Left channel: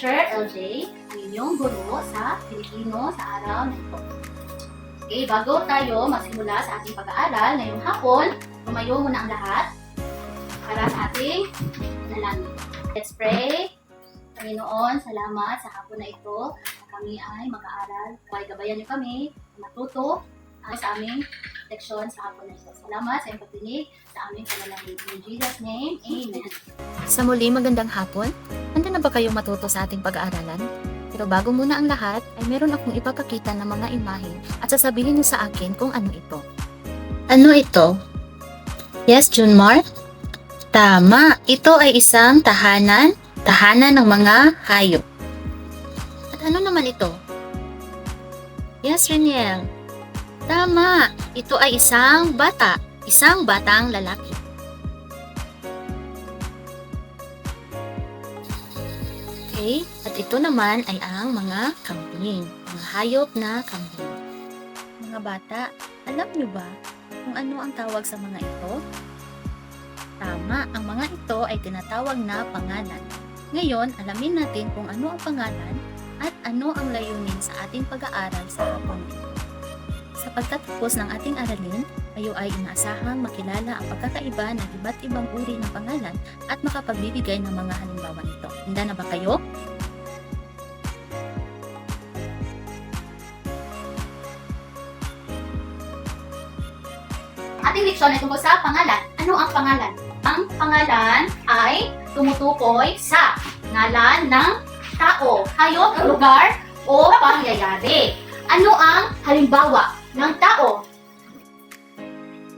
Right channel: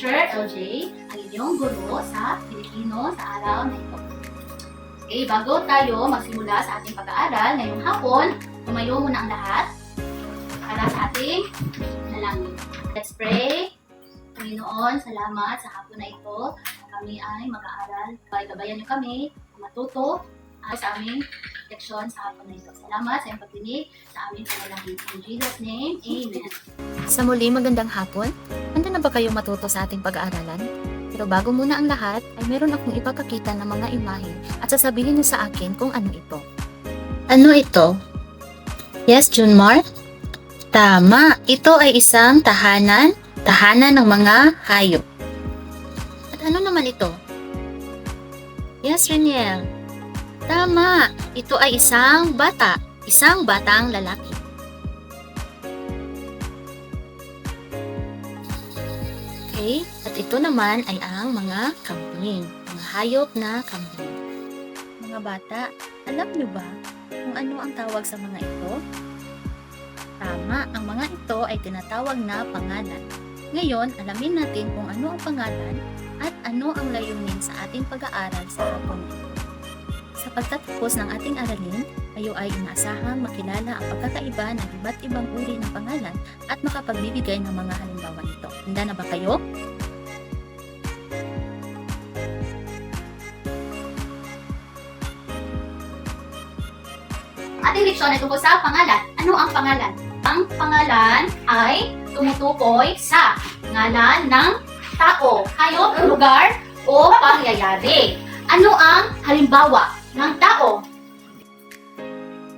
Teacher LJ, ang inyong guro sa Pilipino sa araw na ito. Okay, bago tayo magsimula sa ating pag-aaral ngayong hapon, tumayo muna ang lahat para sa ating panalangin. Let's pray. Panginoon, salamat sa hapon na ito. Kami ay mag-aaral. Gabayan niyo kami matuto sa aming leksyon sa hapon na ito. Salamat sa iyong pagdinig sa aming panalangin. In Jesus' name, Amen. Sa muli, magandang hapon. Handa na ba kayong matuto sa ating pag-aaralan? Pero bago muna ang lahat, ay meron akong ipapakita ng mga imahe at sasabihin niyo sa akin kung ano ito. Ano ito? Yes, Junmar? Tama, ito ay isang tahanan ng mga hayop. At ano naman ito? Yes, Reniel. Tama, ito ay isang batang lalaki. Okay, at ito naman ay ang mga kambing, mga hayop na kambing. Mga bata, alam niyo ba kung ano ang tawag sa mga ito? Tama, ang mga ito ay tinatawag na pangalan. Ngayon, alamin natin kung ano ang pangalan at ano ang layunin sa ating pag-aaral sa hapon ito. Sa pagtatapos ng ating aralin, kayo ay inaasahang makilala ang pagkakaiba ng iba't ibang uri ng pangalan at makapagbibigay ng mga halimbawa nito. Handa na ba kayo? Ating leksyon ay tungkol sa pangalan. Ano ang pangalan? Ang pangalan ay tumutukoy sa ngalan ng tao, hayop, lugar, o pangyayari. Ano ang halimbawa ng tao?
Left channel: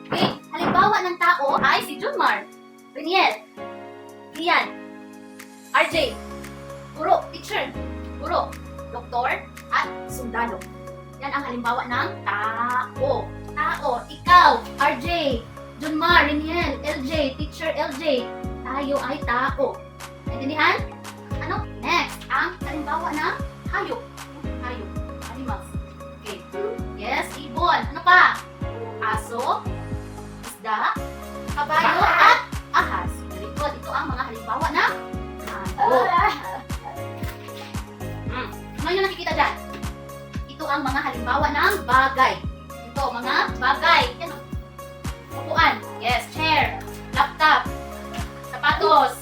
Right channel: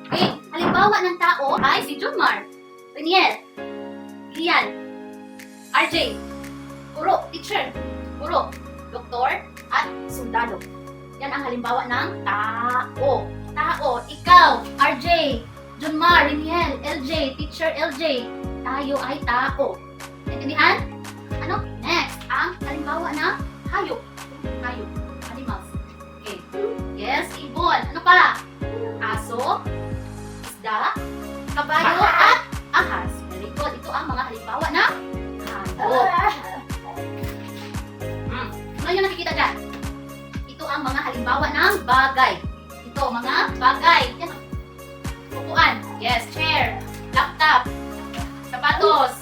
Okay, halimbawa ng tao ay si Junmar, Reniel, Lian, RJ, guro, teacher, guro, doktor, at sundalo. Yan ang halimbawa ng tao. Tao, ikaw, RJ, Junmar, Reniel, LJ, teacher LJ, tayo ay tao. Naintindihan? Ano? Next, ang halimbawa ng hayop. Hayop, animals. Okay. Yes, ibon. Ano pa? Aso, isda, kabayo, at ahas. Very good. Ito ang mga halimbawa ng hayop. Ano yung nakikita dyan? Ito ang mga halimbawa ng bagay. Ito, mga bagay. Yan. Upuan. Yes, chair, laptop, sapatos,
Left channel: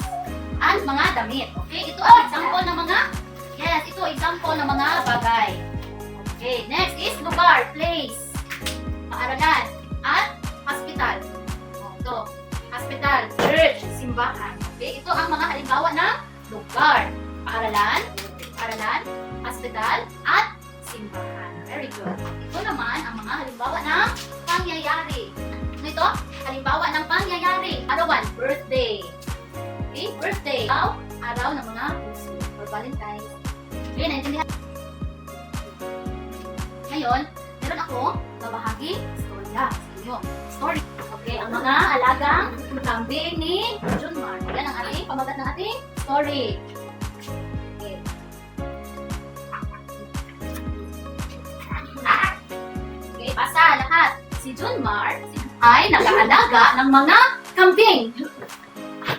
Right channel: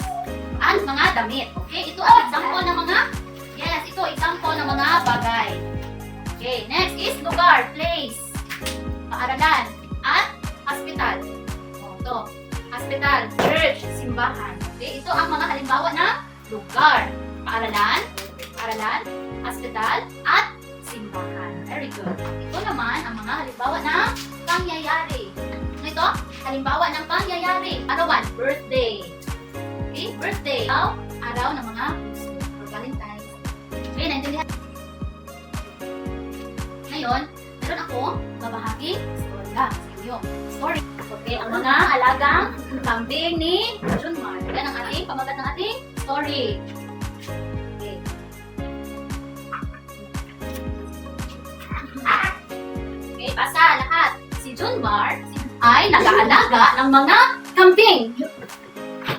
at mga damit. Okay, ito ang example ng mga, yes, ito example ng mga bagay. Okay, next is lugar, place, paaralan, at hospital. Ito, hospital, church, simbahan. Okay, ito ang mga halimbawa ng lugar, paaralan, hospital, at simbahan. Very good. Ito naman ang mga halimbawa ng pangyayari. Ano ito? Halimbawa ng pangyayari. Arawan, birthday. Okay, birthday. Araw ng mga puso or Valentine's. Okay, naintindihan? Ngayon, meron ako mabahagi storya sa inyo. Story. Okay, ang mga alagang kambing ni Junmar. Yan ang ating pamagat ng ating story. Okay. Okay, basa lahat. Si Junmar ay nag-aalaga ng mga kambing.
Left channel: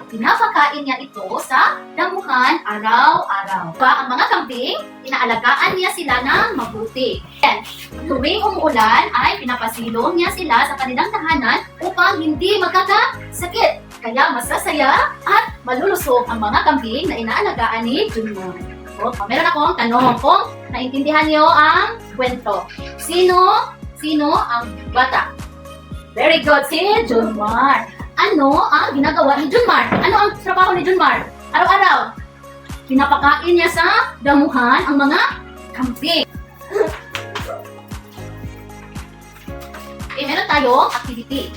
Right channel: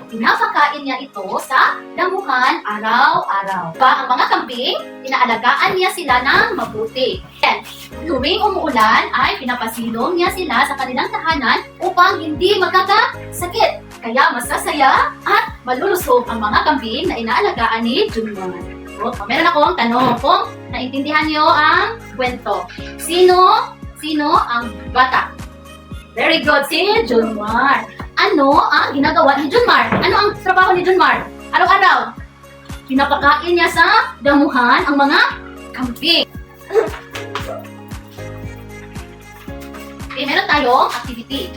Pinapakain niya ito sa damuhan araw-araw. Ang mga kambing, inaalagaan niya sila ng mabuti. And, tuwing umuulan ay pinapasilong niya sila sa kanilang tahanan upang hindi magkakasakit. Kaya masasaya at malulusog ang mga kambing na inaalagaan ni Junmar. So, meron akong tanong kung naintindihan niyo ang kwento. Sino ang bata? Very good, si Junmar. Ano ang ginagawa ni Junmar? Ano ang trabaho ni Junmar? Araw-araw, pinapakain niya sa damuhan ang mga kambing. Okay, meron tayong activity.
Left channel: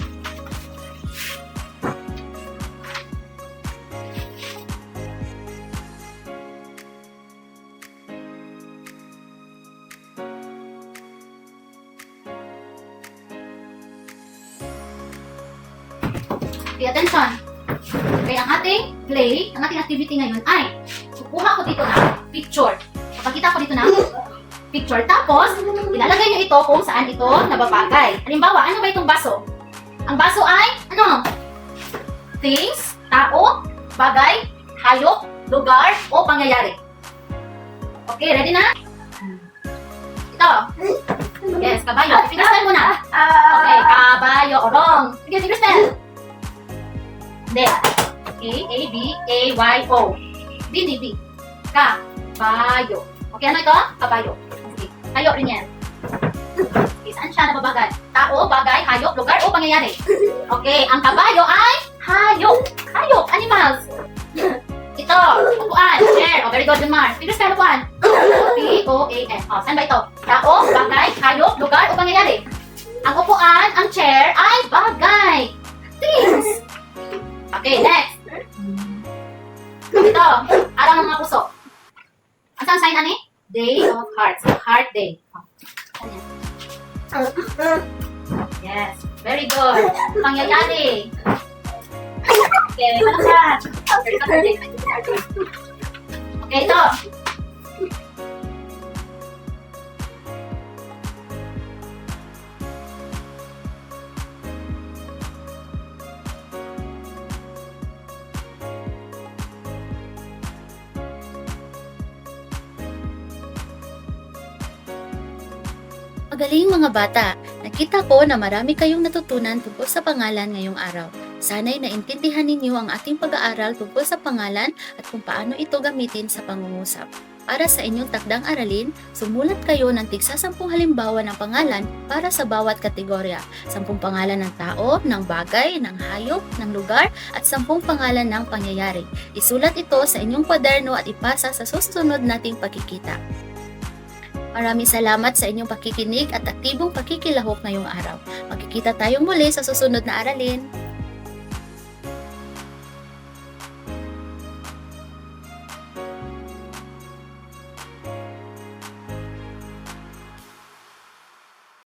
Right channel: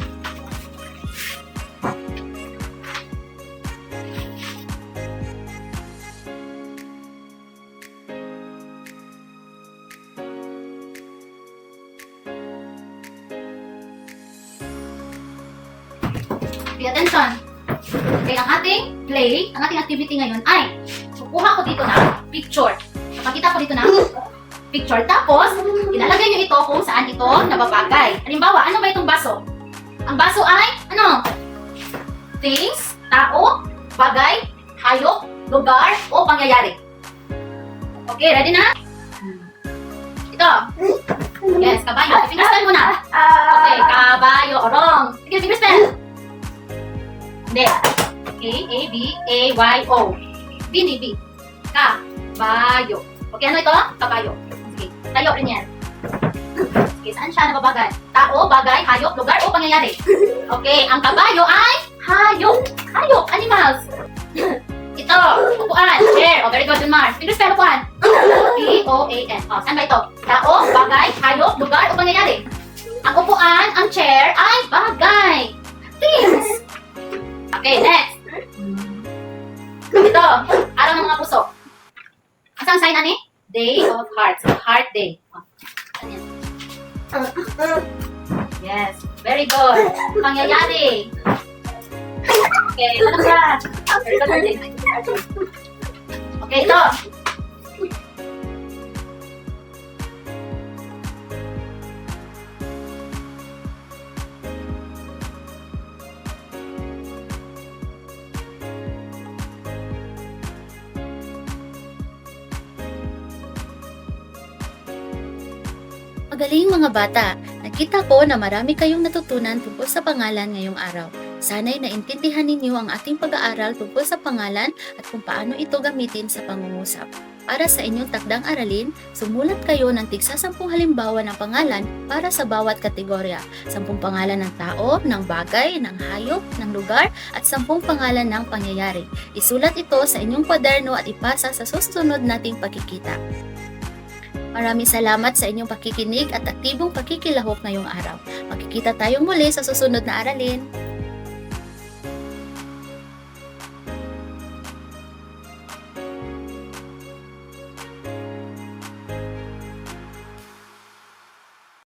Pay attention. Okay, ang ating play, ang ating activity ngayon ay kukuha ko dito na picture. Papakita ko dito na picture. Tapos, ilalagay nyo ito kung saan ito nababagay. Halimbawa, ano ba itong baso? Ang baso ay, ano? Things, tao, bagay, hayop, lugar, o pangyayari. Okay, ready na? Ito. Yes, kabayo. Finger spell muna. Okay, kabayo. Wrong. Sige, finger spell. Hindi. Okay, A, B, A, Y, O. B, D, B. Kabayo. Okay, ano ito? Kabayo. Okay, tayo rin yan. Okay, saan siya nababagal? Tao, bagay, hayop, lugar, o pangyayari? Okay, ang kabayo ay hayop. Hayop, animals. Ito, upuan, chair. Oh, very good, Mars. Finger spell upuan. P-O-A-N. Oh, saan ba ito? Tao, bagay, hayop, lugar, o pangyayari? Ang upuan, ang chair, ay bagay. Things. Okay, next. Ito, araw ng mga puso. Ang saan sign, ani? Day of Hearts. Heart Day. Oh, saan yan? Yes, very good. Pangyayari. Okay, ano yan? Very good. Okay, ito. Magaling mga bata! Nakita ko na marami kayong natutunan tungkol sa pangalan ngayong araw. Sana'y naintindihan ninyo ang ating pag-aaral tungkol sa pangalan at kung paano ito gamitin sa pangungusap. Para sa inyong takdang aralin, sumulat kayo ng tigsa 10 halimbawa ng pangalan para sa bawat kategorya. 10 pangalan ng tao, ng bagay, ng hayop, ng lugar, at 10 pangalan ng pangyayari. Isulat ito sa inyong kwaderno at ipasa sa susunod nating pagkikita. Maraming salamat sa inyong pakikinig at aktibong pakikilahok ngayong araw. Magkikita tayong muli sa susunod na aralin.